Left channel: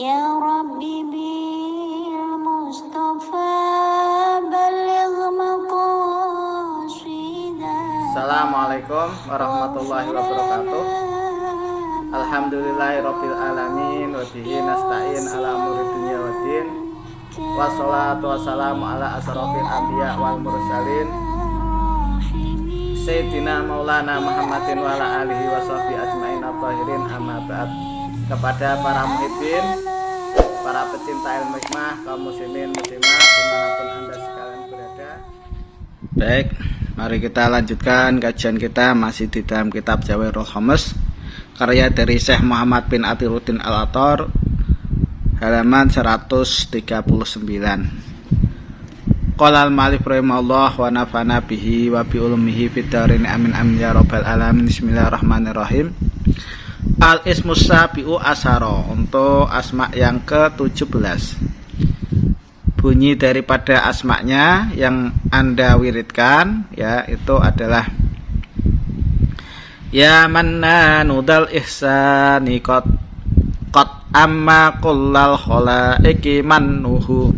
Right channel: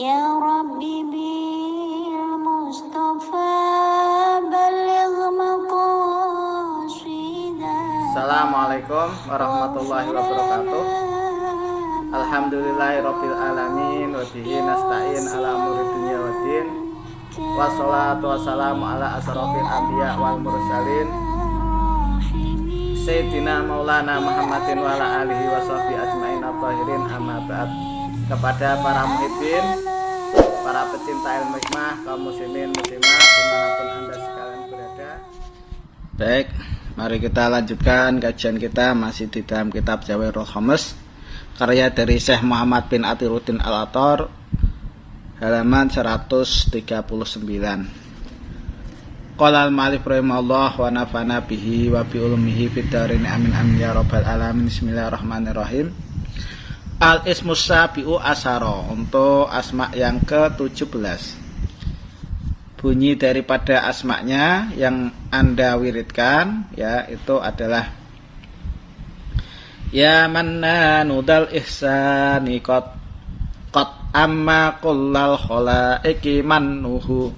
Ya Rabbi bil Mustafa baligh maqasidah. Assalamualaikum warahmatullahi wabarakatuh. Alhamdulillahirabbil alamin wa bihi nasta'in ala umuri dunya waddin. Wassalatu wassalamu ala asrofil anbiya wal mursalin Sayyidina Maulana Muhammadin wa ala alihi wa sahbihi ajmain at-tahirin, amma ba'd. Kepada para muhibbin, para pecinta ilmu hikmah, kaum muslimin muslimat dimanapun anda sekalian berada. Baik, mari kita lanjutkan kajian kita masih di dalam kitab Jawahirul Khamas, karya dari Syekh Muhammad bin Athiruddin Al-Attar, halaman 139. Qala al-ma'alif rahimahullah wa nafa'ana bihi wa bi ulumihi fid dharain amin amin ya rabbal alamin. Bismillahirrahmanirrahim. Al-ismus sabi'u asyara, untuk asma yang ke-17. Bunyi daripada asma'nya yang Anda wiridkan ya itu adalah ya mannanu dal ihsani qad amma kullal khalaiqi mannuhu.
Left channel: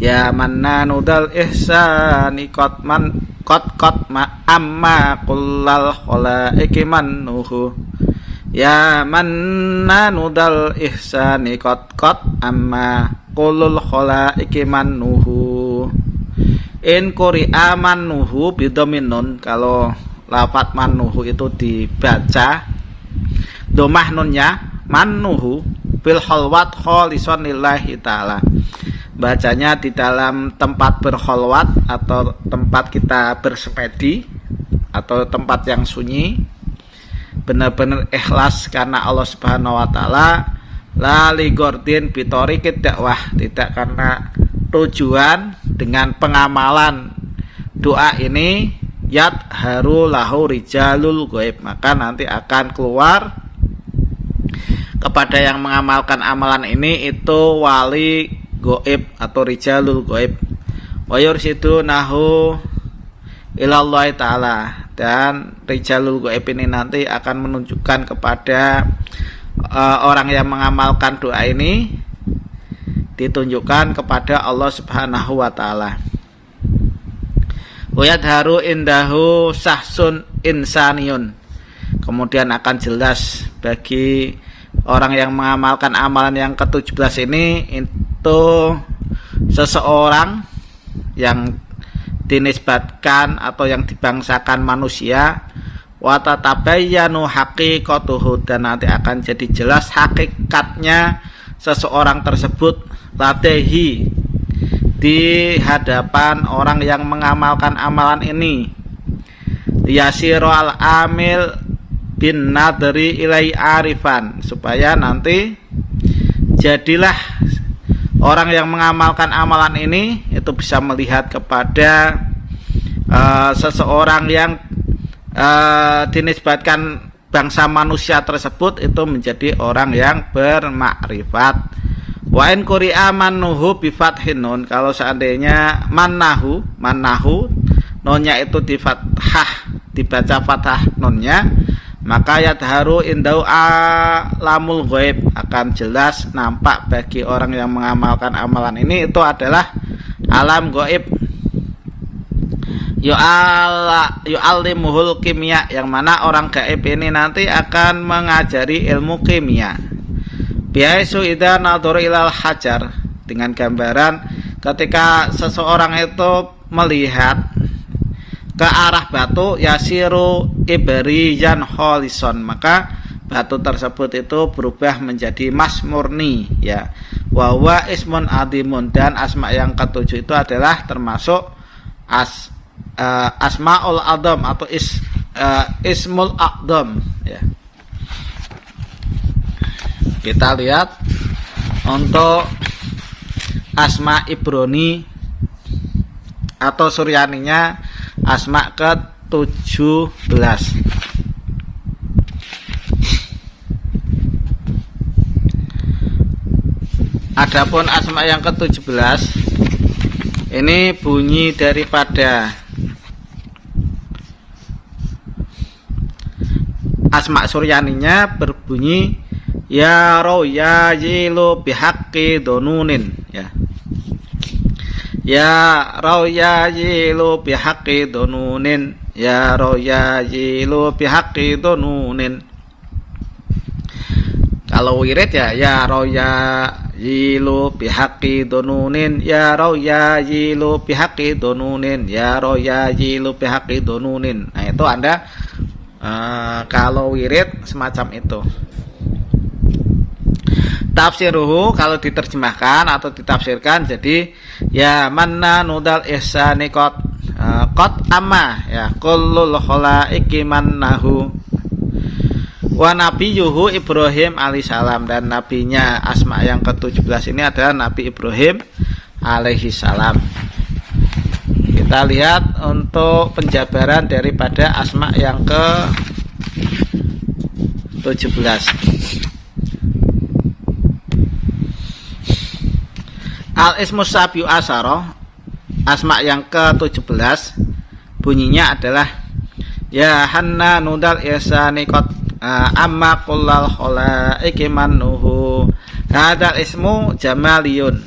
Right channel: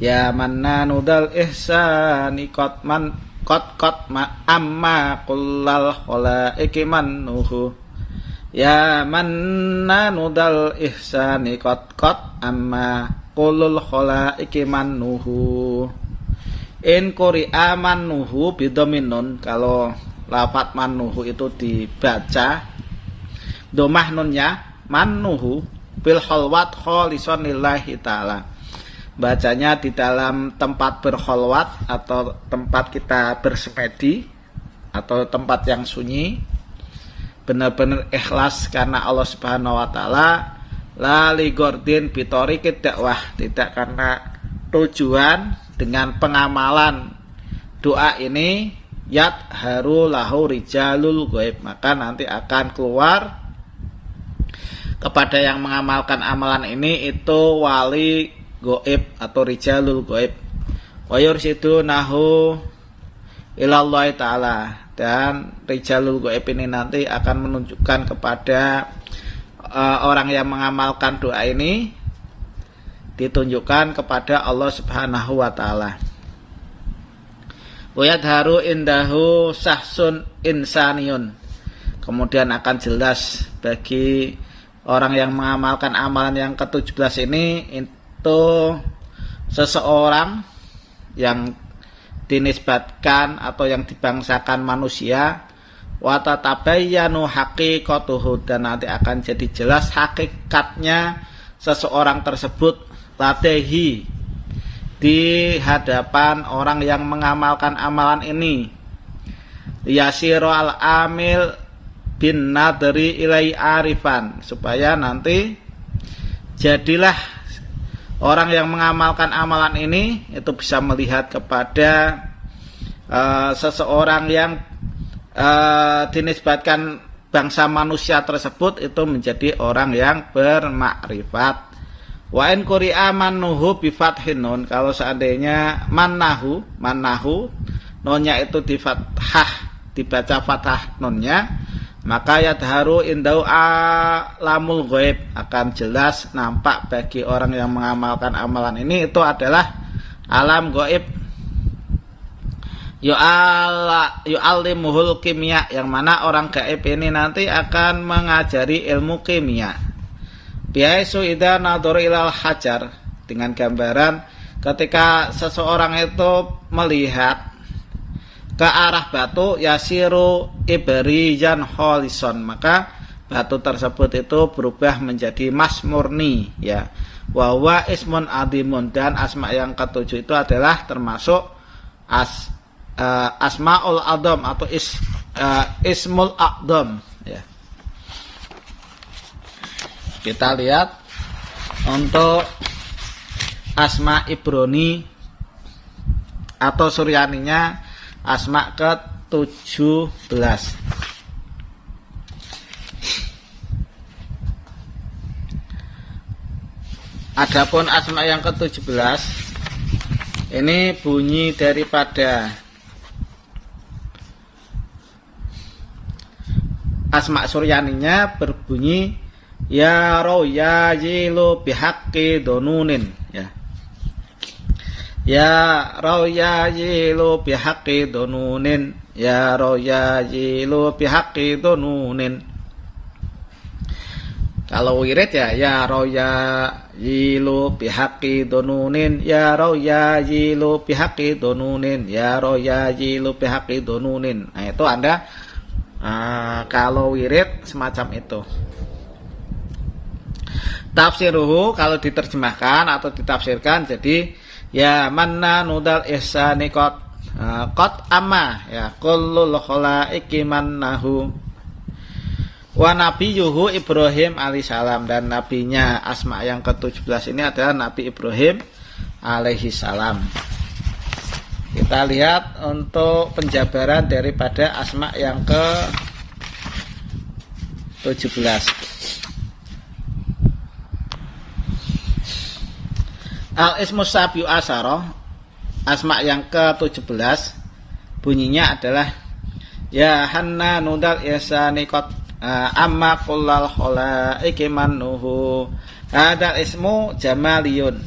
Ya mannanu dal ihsani qad amma kullal khalaiqi mannuhu. Ya mannanu dal ihsani qad amma kullul khalaiqi mannuhu. In quri'a mannuhu bidhamin nun, kalau lafaz mannuhu itu dibaca domah nunnya mannuhu bil khalwat khalisan lillahi ta'ala, bacanya di dalam tempat berkholwat atau tempat kita bersemedi atau tempat yang sunyi, benar-benar ikhlas karena Allah Subhanahu wa taala, la li gordin bitorikid dakwah, tidak karena tujuan dengan pengamalan doa ini yat haru lahu rijalul ghaib, maka nanti akan keluar kepada yang mengamalkan amalan ini itu wali goib atau rijalul goib. Wa yursidu nahu ilallahi ta'ala, dan rijalul goib ini nanti akan menunjukkan kepada orang yang mengamalkan doa ini, ditunjukkan kepada Allah Subhanahu wa ta'ala. Wa yadharu indahu sahsun insaniyun, kemudian akan jelas bagi orang yang mengamalkan amalan yang ke-17 ini itu seseorang yang dinisbatkan atau yang dibangsakan manusia, wa tatabayyanu haqiqatuhu, dan nanti akan jadi jelas hakikatnya seseorang tersebut ladehi, di hadapan orang yang mengamalkan amalan ini. Yasiru al-amil bin nadri ilai arifan, supaya nanti jadilah orang yang mengamalkan amalan ini itu bisa melihat kepada seseorang yang dinisbatkan bangsa manusia tersebut itu menjadi orang yang bermakrifat. Wa in quri'a mannuhu bi fathin nun, kalau seandainya mannahu nunnya itu di fathah, dibaca fathah nunnya, maka yadharu indau alamul ghaib, akan jelas nampak bagi orang yang mengamalkan amalan ini itu adalah alam ghaib. Yu'allimuhul kimia, yang mana orang gaib ini nanti akan mengajari ilmu kimia. Biaisu idza nadhara ilal hajar, dengan gambaran ketika seseorang itu melihat ke arah batu, yasiru ibrijan kholison, maka batu tersebut itu berubah menjadi mas murni ya. Wa huwa ismun adimun, dan asma yang ke-7 itu adalah termasuk asmaul adzam atau ismul adzam ya. Kita lihat untuk asma ibroni atau suryaninya, asma ke-17. Adapun asma yang ke-17 ini bunyi daripada asma suryaninya berbunyi ya royajilu bihaqqi donunin, ya. Ya royajilu bihaqqi donunin, ya royajilu bihaqqi donunin. Kalau wirid ya royajilu bihaqqi donunin, ya royajilu bihaqqi donunin, ya royajilu bihaqqi donunin. Nah, itu Anda kalau wirid semacam itu. Tafsiruhu kalau diterjemahkan atau ditafsirkan jadi ya manna nudal ihsani qad amma ya kullul khalaiqi mannahu wa nabiyuhu Ibrahim alaihissalam, dan nabinya asma yang ke-17 ini adalah Nabi Ibrahim alaihissalam. Kita lihat untuk penjabaran daripada asma yang ke-17. Al-ismus sabiu asyara, asma yang ke-17 bunyinya adalah ya hanna nudal ihsani qad amma kullal khalaiqi mannuhu. Hadal ismu jamaliyun.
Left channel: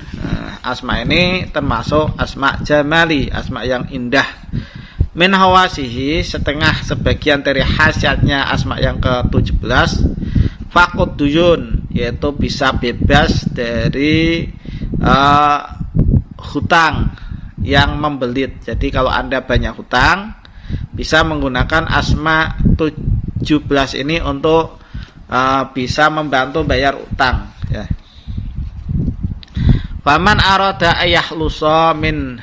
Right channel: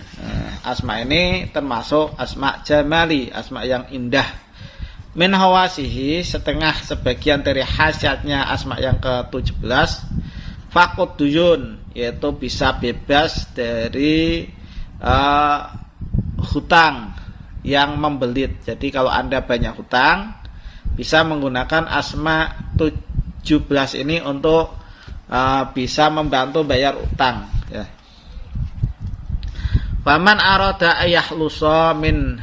Asma ini termasuk asma jamali, asma yang indah. Min hawasihi, setengah sebagian dari khasiatnya asma yang ke-17 faqud duyun, yaitu bisa bebas dari hutang yang membelit. Jadi kalau Anda banyak hutang, bisa menggunakan asma 17 ini untuk bisa membantu bayar utang, ya. Faman arada ayahlusa min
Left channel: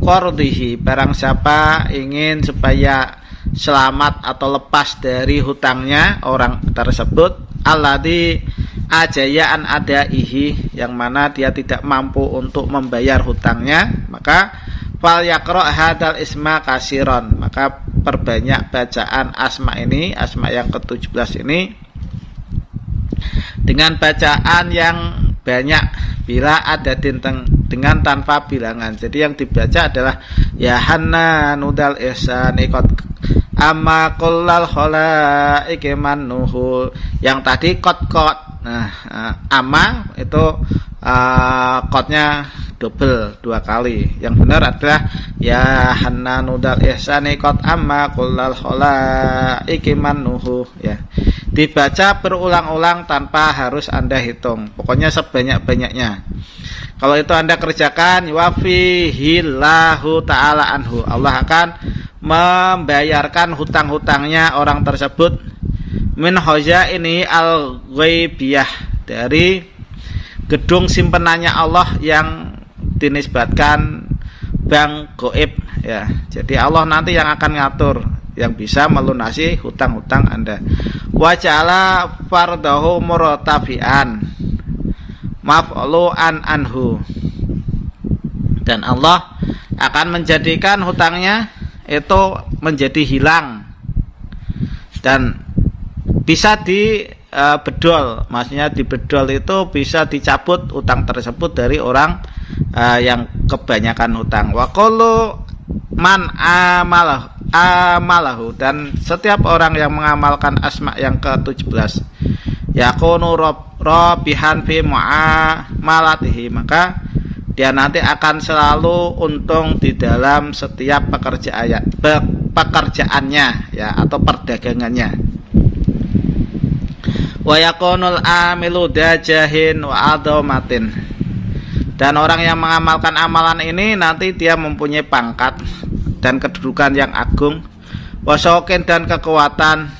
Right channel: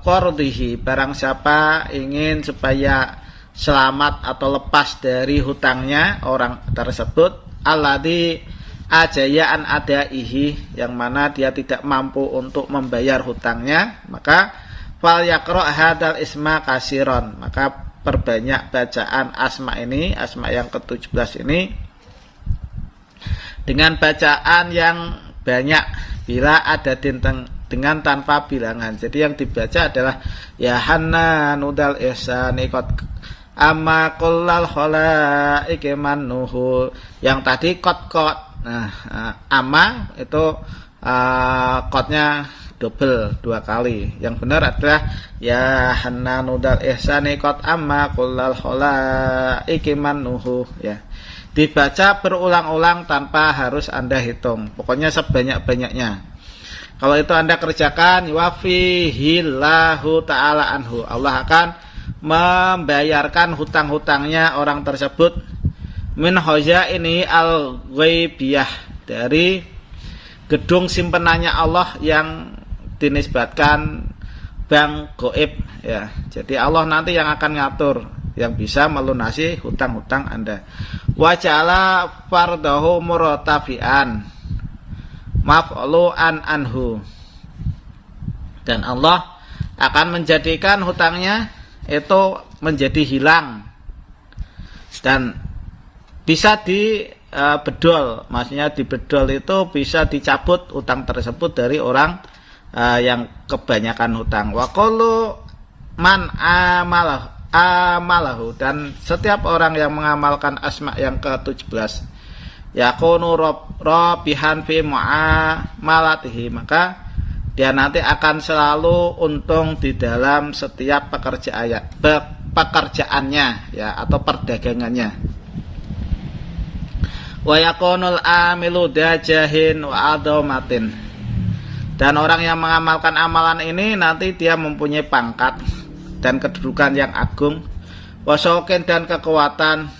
qardihi, barang siapa ingin supaya selamat atau lepas dari hutangnya orang tersebut, alladzi ajayaan adaihi, yang mana dia tidak mampu untuk membayar hutangnya, maka fal yaqra hadal isma kasiron, maka perbanyak bacaan asma ini, asma yang ke-17 ini dengan bacaan yang banyak, bila ada dengan tanpa bilangan. Jadi yang dibaca adalah ya hanna nudal ihsani qad amma kullal khalaiqi mannuhu. Yang tadi qad. Nah, amma itu qadnya double, 2 kali. Yang benar adalah ya hanna nudal ihsani qad amma kullal khalaiqi mannuhu, ya. Dibaca berulang-ulang tanpa harus Anda hitung. Pokoknya sebanyak-banyaknya. Kalau itu Anda kerjakan, wafihillahu ta'ala anhu, Allah akan membayarkan hutang-hutangnya orang tersebut min ini al-ghaibiyah, dari gedung simpenannya Allah yang dinisbatkan bank goib, ya. Jadi Allah nanti yang akan ngatur, yang bisa melunasi hutang-hutang Anda. Wa ja'ala fardahu murtafi'an maf'lu'an anhu, dan Allah akan menjadikan hutangnya itu menjadi hilang dan bisa dibedol. Maksudnya dibedol itu bisa dicabut hutang tersebut dari orang yang kebanyakan hutang. Wa kullu man amalahu, dan setiap orang yang mengamalkan asma yang ke-17 yakunu rabihan fi muamalatihi, maka dia nanti akan selalu untung di dalam setiap pekerjaannya, ya, atau perdagangannya. Wa yakunul amilu dajahin wa adomatin, dan orang yang mengamalkan amalan ini nanti dia mempunyai pangkat dan kedudukan yang agung, wasokin, dan kekuatan,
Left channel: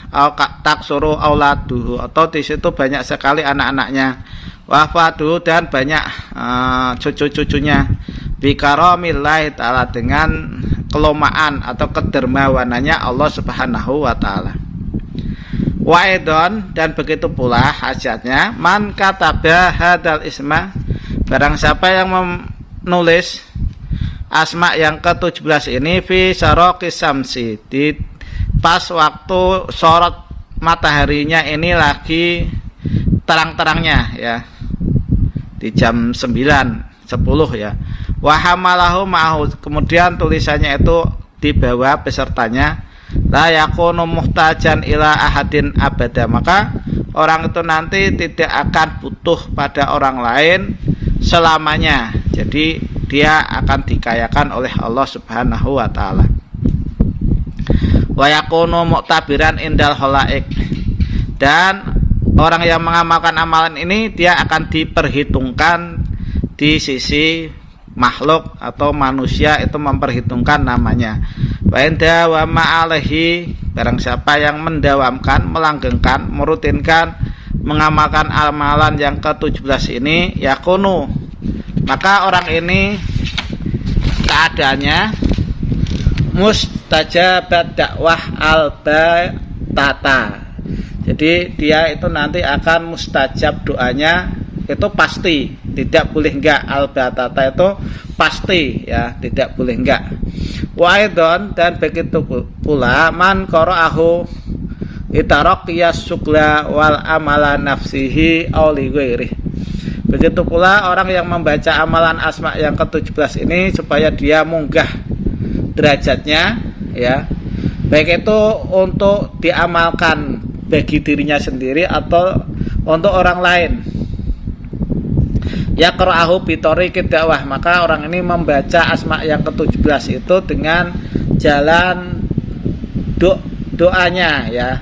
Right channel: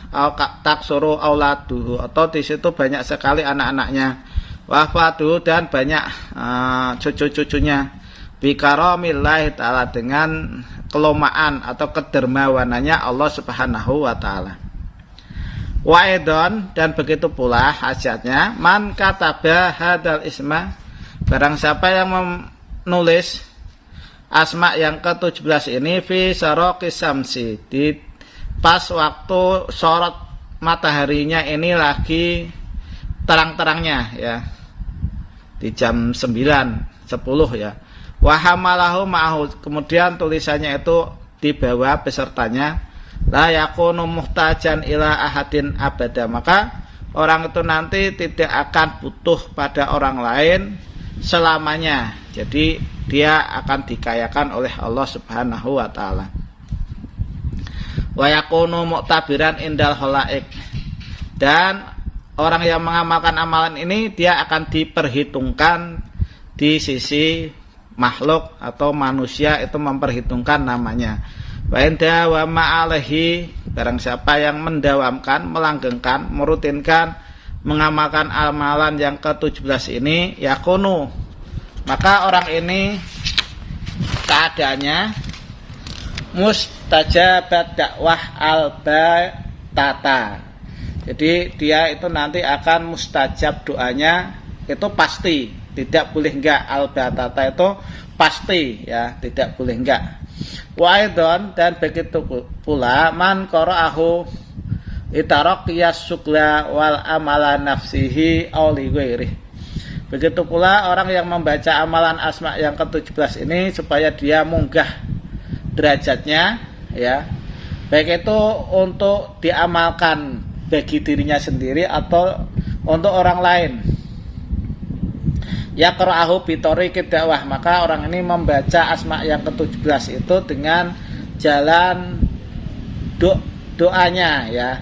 taksuru auladuhu, atau di situ banyak sekali anak-anaknya, wafaduhu, dan banyak cucu-cucunya, bikaromillahi ta'ala, dengan kelomaan atau kedermawanannya Allah subhanahu wa ta'ala. Wa'idon, dan begitu pula hajatnya, man kataba hadal isma, barang siapa yang menulis asma yang ke-17 ini fi syaraqis samsi, di pas waktu sorot mataharinya ini lagi terang-terangnya, ya, di jam 9:10, ya. Wa hamalahu ma'ahu, kemudian tulisannya itu dibawa besertanya, la yakunu muhtajan ila ahadin abada, maka orang itu nanti tidak akan butuh pada orang lain selamanya. Jadi dia akan dikayakan oleh Allah Subhanahu wa taala. Wa yakunu mu'tabiran indal khalaik. Dan orang yang mengamalkan amalan ini dia akan diperhitungkan di sisi makhluk atau manusia, itu memperhitungkan namanya. Wa inda wa ma'alehi, barang siapa yang mendawamkan, melanggengkan, merutinkan mengamalkan amalan yang ke-17 ini, yakunu, maka orang ini keadaannya mustajabat dakwah al-batata. Jadi dia itu nanti akan mustajab doanya, itu pasti, tidak boleh enggak. Al-batata itu pasti, ya, tidak boleh enggak. Wa aidon, dan begitu pula man qara'ahu itaraqiyas sugla wal amala nafsihi aw li ghairihi. Begitu pula orang yang membaca amalan asma yang ke-17 ini supaya dia munggah derajatnya, ya, baik itu untuk diamalkan bagi dirinya sendiri atau untuk orang lain. Ya qara'ahu bi tariqid dakwah, maka orang ini membaca asma yang ke-17 itu dengan jalan doanya, ya.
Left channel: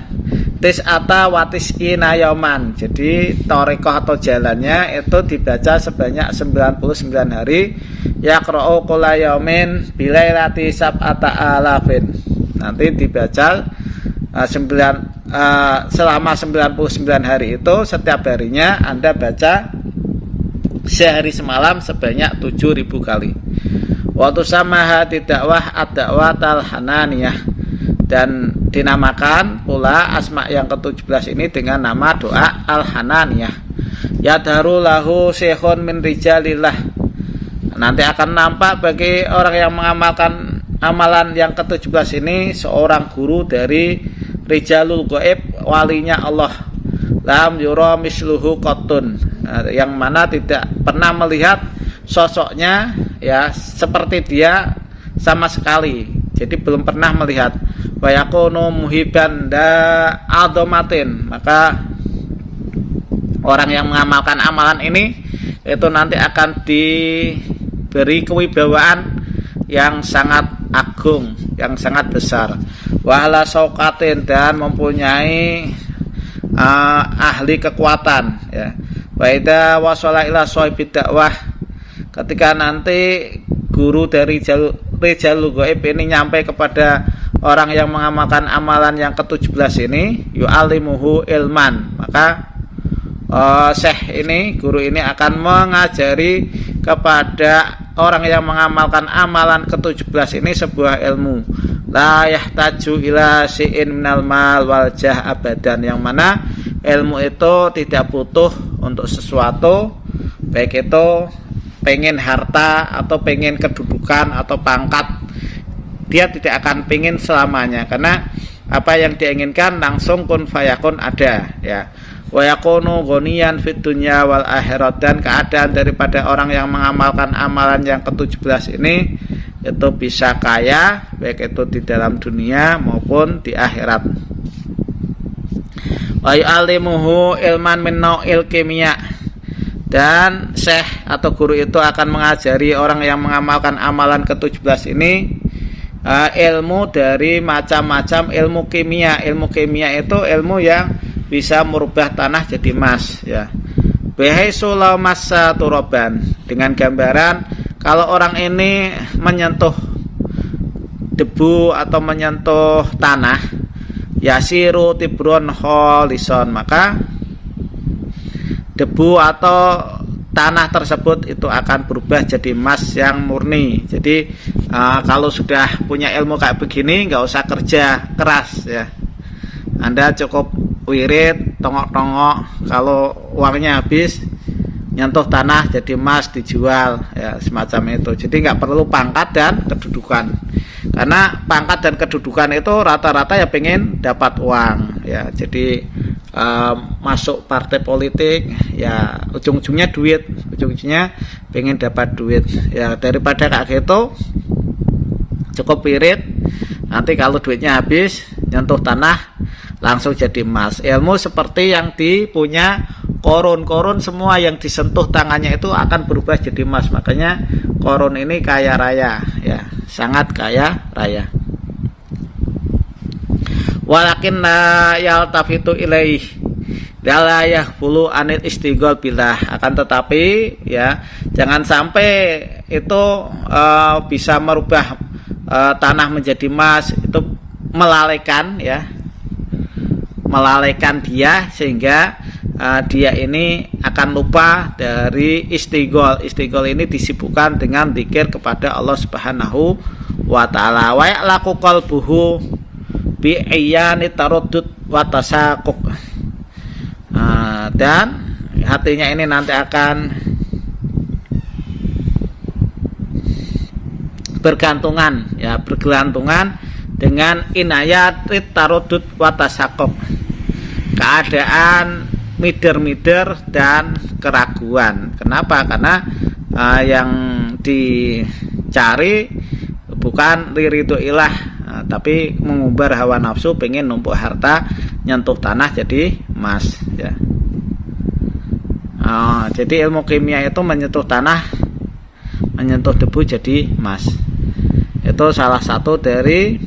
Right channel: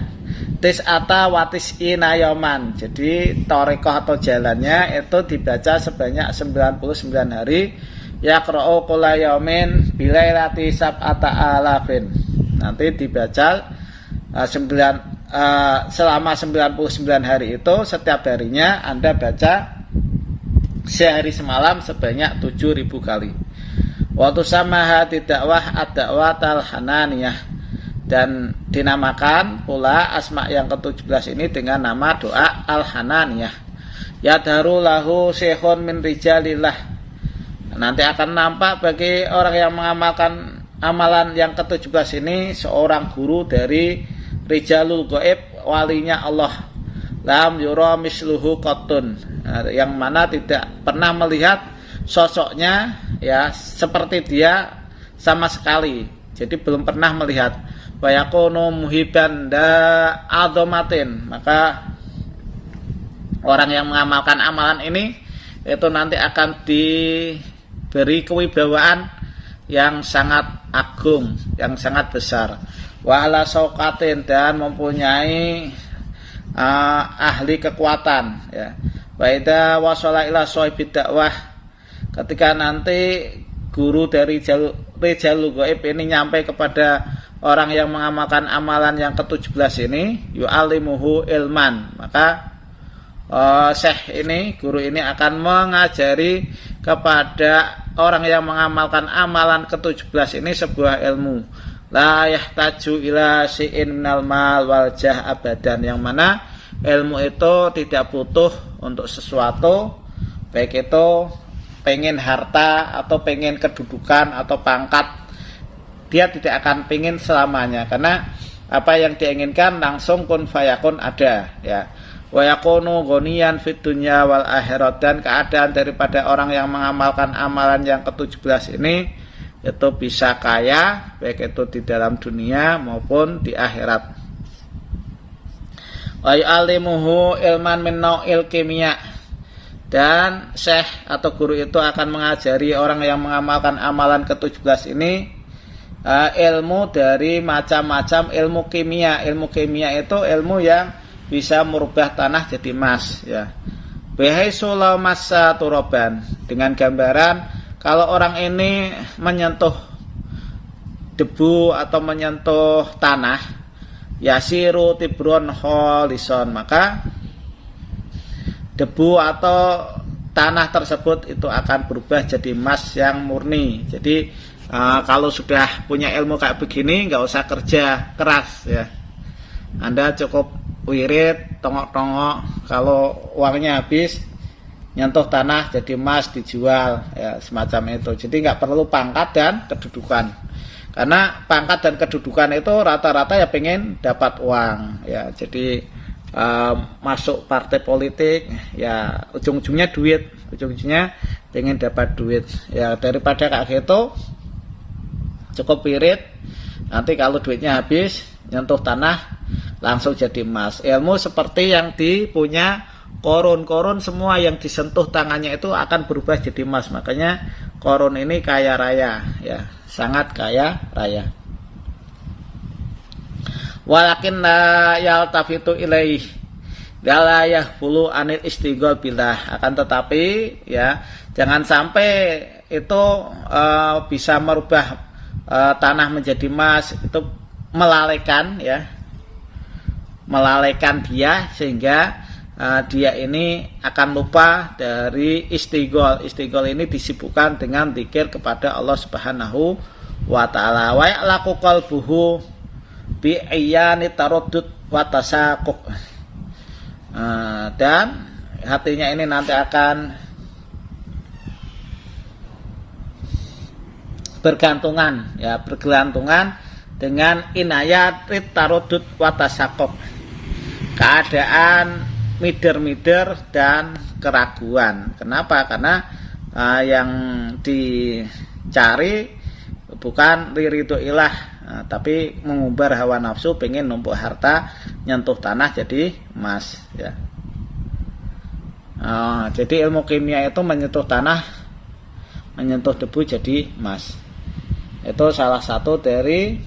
Tis'ata wa tis'ina yauman. Jadi thariqah atau jalannya itu dibaca sebanyak 99 hari. Yaqra'u kulla yaumin bilailati sab'ata alafin. Nanti dibaca selama 99 hari itu, setiap harinya Anda baca sehari semalam sebanyak 7.000 kali. Waktu samaha dakwah ad-da'watal hananiyah, dan dinamakan pula asma yang ke-17 ini dengan nama doa al-hananiyah. Yadharu lahu syekhun min rijalillah. Nanti akan nampak bagi orang yang mengamalkan amalan yang ke-17 ini seorang guru dari rijalul ghaib, walinya Allah. Lam yura misluhu qattun, yang mana tidak pernah melihat sosoknya, ya, seperti dia sama sekali. Jadi belum pernah melihat. Wa yakunu muhiban da adomatin, maka orang yang mengamalkan amalan ini itu nanti akan diberi kewibawaan yang sangat agung, yang sangat besar. Wa ala sauqatin, dan mempunyai ahli kekuatan, ya. Wa idza wasala ila shahibid dakwah, ketika nanti guru dari rijalul ghaib ini nyampai kepada orang yang mengamalkan amalan yang ke-17 ini, yu'allimuhu ilman, maka syekh ini, guru ini akan mengajari kepada orang yang mengamalkan amalan ke-17 ini sebuah ilmu. La yahtaju ila syai'in minal mal wal jah abadan, yang mana ilmu itu tidak butuh untuk sesuatu, baik itu pengen harta atau pengen kedudukan atau pangkat, dia tidak akan pengen selamanya, karena apa yang diinginkan langsung kun fayakun ada, ya. Wa yakunu ghaniyan fid dunya wal akhirat, dan keadaan daripada orang yang mengamalkan amalan yang ke-17 ini itu bisa kaya, baik itu di dalam dunia maupun di akhirat. Wa ya'limuhu ilman min nau'il kimia, dan syekh atau guru itu akan mengajari orang yang mengamalkan amalan ke-17 ini ilmu dari macam-macam ilmu kimia. Ilmu kimia itu ilmu yang bisa merubah tanah jadi emas, ya. Bihaitsu law massa turaban, dengan gambaran kalau orang ini menyentuh debu atau menyentuh tanah, yasiru tibron kholison, maka debu atau tanah tersebut itu akan berubah jadi emas yang murni. Jadi kalau sudah punya ilmu kayak begini, nggak usah kerja keras, ya. Anda cukup wirid, tongok-tongok, kalau uangnya habis nyentuh tanah jadi emas, dijual, ya, semacam itu. Jadi nggak perlu pangkat dan kedudukan, karena pangkat dan kedudukan itu rata-rata ya pengen dapat uang, ya. Jadi masuk partai politik, ya ujung-ujungnya duit, ujung-ujungnya pengen dapat duit, ya. Daripada kayak gitu cukup wirid, nanti kalau duitnya habis nyentuh tanah langsung jadi emas. Ilmu seperti yang dipunya Korun semua yang disentuh tangannya itu akan berubah jadi emas. Makanya Korun ini kaya raya, ya, sangat kaya raya. Walakin la yaltafitu ilaih la yahfulu anil istighol billah. Akan tetapi ya jangan sampai itu bisa merubah tanah menjadi emas, itu melalaikan dia sehingga dia ini akan lupa dari istighol. Istighol ini disibukkan dengan zikir kepada Allah Subhanahu wa taala. Wa ya'laqu qalbuhu bi ayyani taraddud wa tasaqquq. Dan hatinya ini nanti akan bergantungan dengan inayat taraddud wa tasaqquq. Keadaan mider-mider dan keraguan. Kenapa? Karena yang dicari bukan ridho ilah, tapi mengumbar hawa nafsu, pengen numpuk harta, nyentuh tanah jadi emas. Ya. Jadi ilmu kimia itu menyentuh tanah, menyentuh debu jadi emas. Itu salah satu dari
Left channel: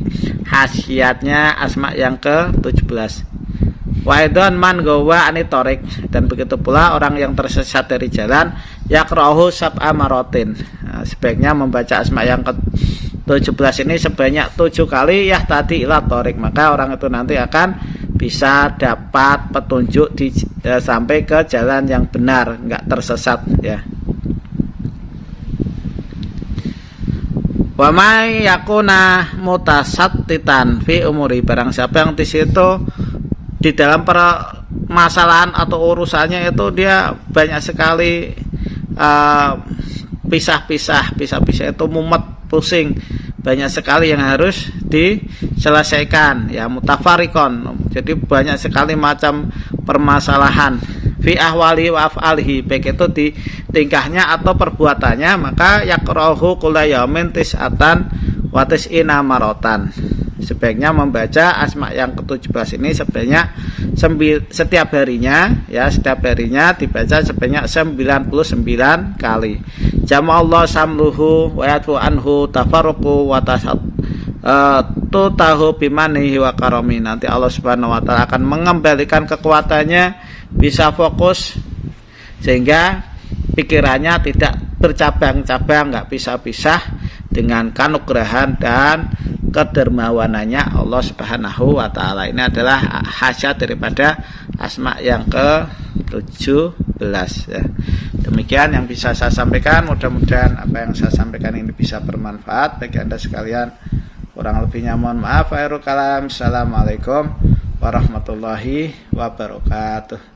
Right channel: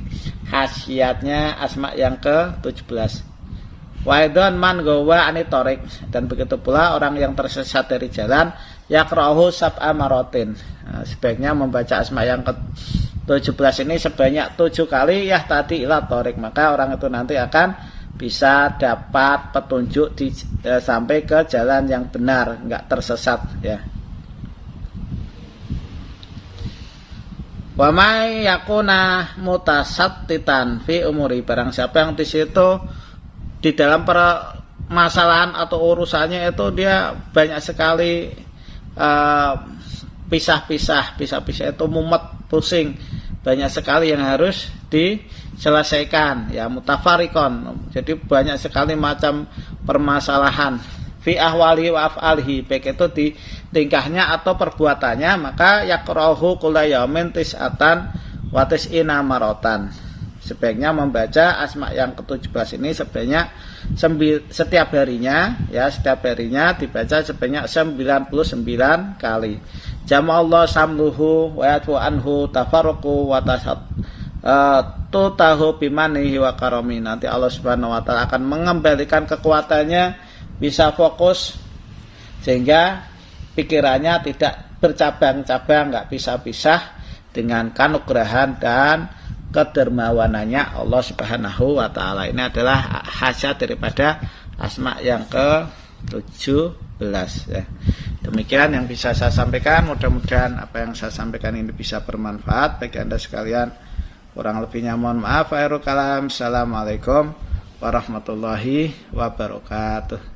khasiatnya asma yang ke-17. Waidon man gawa anitorik, dan begitu pula orang yang tersesat dari jalan yakrahu sab'a marotin. Sebaiknya membaca asma yang ke-17 ini sebanyak 7 kali tadi ila torik, maka orang itu nanti akan bisa dapat petunjuk sampai ke jalan yang benar, enggak tersesat ya. Wa may yakuna mutasattitan fi umuri, barang siapa yang di situ di dalam permasalahan atau urusannya itu dia banyak sekali pisah-pisah itu mumet, pusing, banyak sekali yang harus diselesaikan ya, mutafarikon. Jadi banyak sekali macam permasalahan fi ahwali wa af'alihi, baik itu di tingkahnya atau perbuatannya, maka yakrahu kulla yaumin tis'atan wa tis'ina marotan. Sebaiknya membaca asma yang ke-17 ini sebanyak setiap harinya dibaca sebanyak 99 kali. Jama'allahu samluhu wa yatfu anhu tafarruqu wa tahu bimanihi wa karami. Nanti Allah Subhanahu wa taala akan mengembalikan kekuatannya, bisa fokus sehingga pikirannya tidak bercabang-cabang, enggak pisah-pisah, dengan kanugrahan dan kedermawanannya Allah Subhanahu wa taala. Ini adalah khasiat daripada asma yang ke-17 ya. Demikian yang bisa saya sampaikan. Mudah-mudahan apa yang saya sampaikan ini bisa bermanfaat bagi Anda sekalian. Kurang lebihnya mohon maaf. Assalamualaikum warahmatullahi wabarakatuh.